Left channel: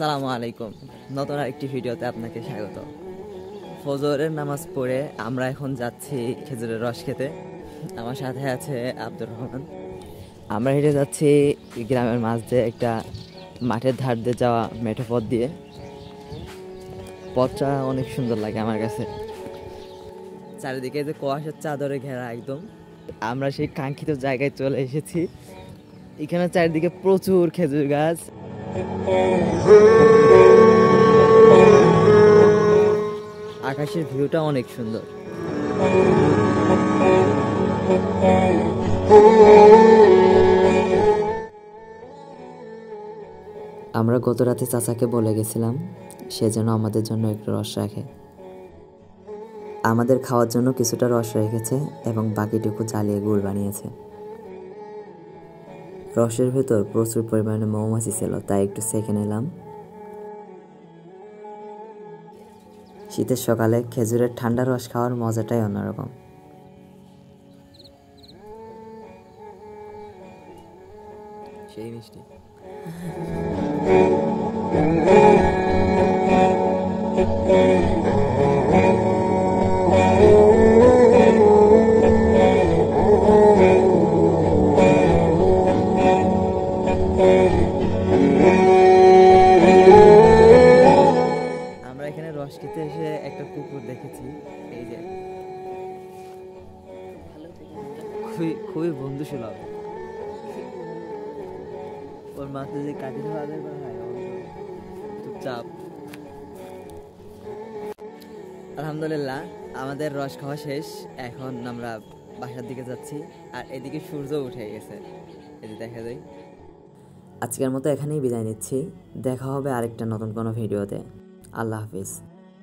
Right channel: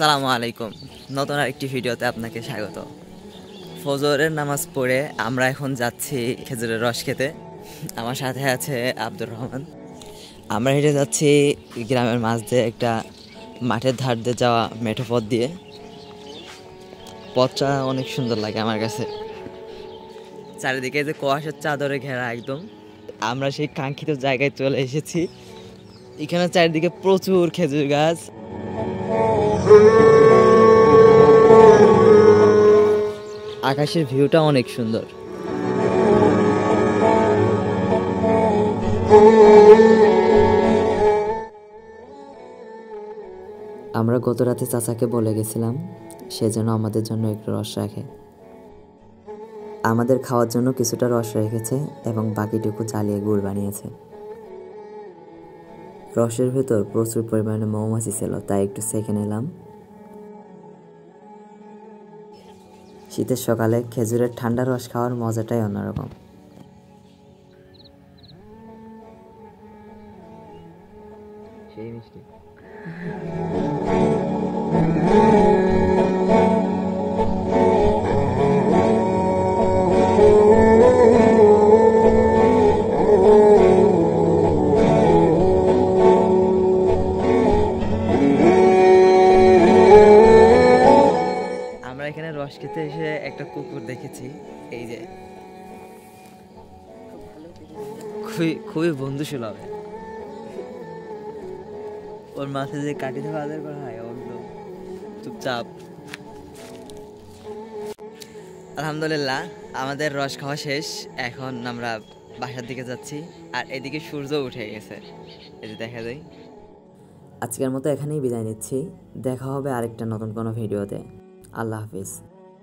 আসসালামু আলাইকুম। নতুন আরেকটি ভিডিওতে আপনাকে স্বাগত। ফজরের নামাজ পড়ে আমরা এখন যাচ্ছি খেজুরের রস খেতে। আমার সাথে আছে আব্দুর রহমান। আমরা হেঁটে যাচ্ছি গ্রামের মাঝ দিয়ে একটা মাঠের ধার দিয়ে যাওয়া মেঠো পথ দিয়ে। পথটা অনেক সুন্দর লাগে আমার কাছে। চারিদিকে যে কুয়াশার চাদরে ঘেরা একদম। আমরা সেই কাঙ্ক্ষিত জায়গায় চলে এসেছি। এখানে চারিদিকে প্রচুর খেজুর গাছ। আকাশের ভিউটা অনেক সুন্দর। আমরা গত রাতে চাচাকে বলে গেছিলাম সে যেন আমাদের জন্য একটু রস রাখে। আমাদের খাওয়ার জন্য কিছুটা রস রেখেছে এবং বাকিটুকু জ্বালিয়ে গুড় বানিয়েছে। রসের ভেতর প্রচুর পরিমাণে মৌমাছি ছিল, তাই একটু সেঁকে নিলাম। শীতের সকালে খেজুরের ঠান্ডা রস খাওয়ার মজাটাই অন্যরকম। সেই মিষ্টি। আমরা এখানে রস খেতে এসে একটা কুকুর দেখেছি, এই যে খুবই বন্ধুসুলভ। ওর মাথায় যে কাটি ধোয়া আদায় করা হয় ওর চুপচাপ। আলহামদুলিল্লাহ, আমাদের রস খাওয়া শেষ। এখন আমরা বাসার দিকে যাচ্ছি, আর এদিকে সূর্য উঠে গেছে, এই যে দেখা যায়। আজকের মতো এখানেই বিদায় নিচ্ছি। দেখা হবে আরেকটা নতুন কোনো ভিডিওতে। আল্লাহ হাফিজ।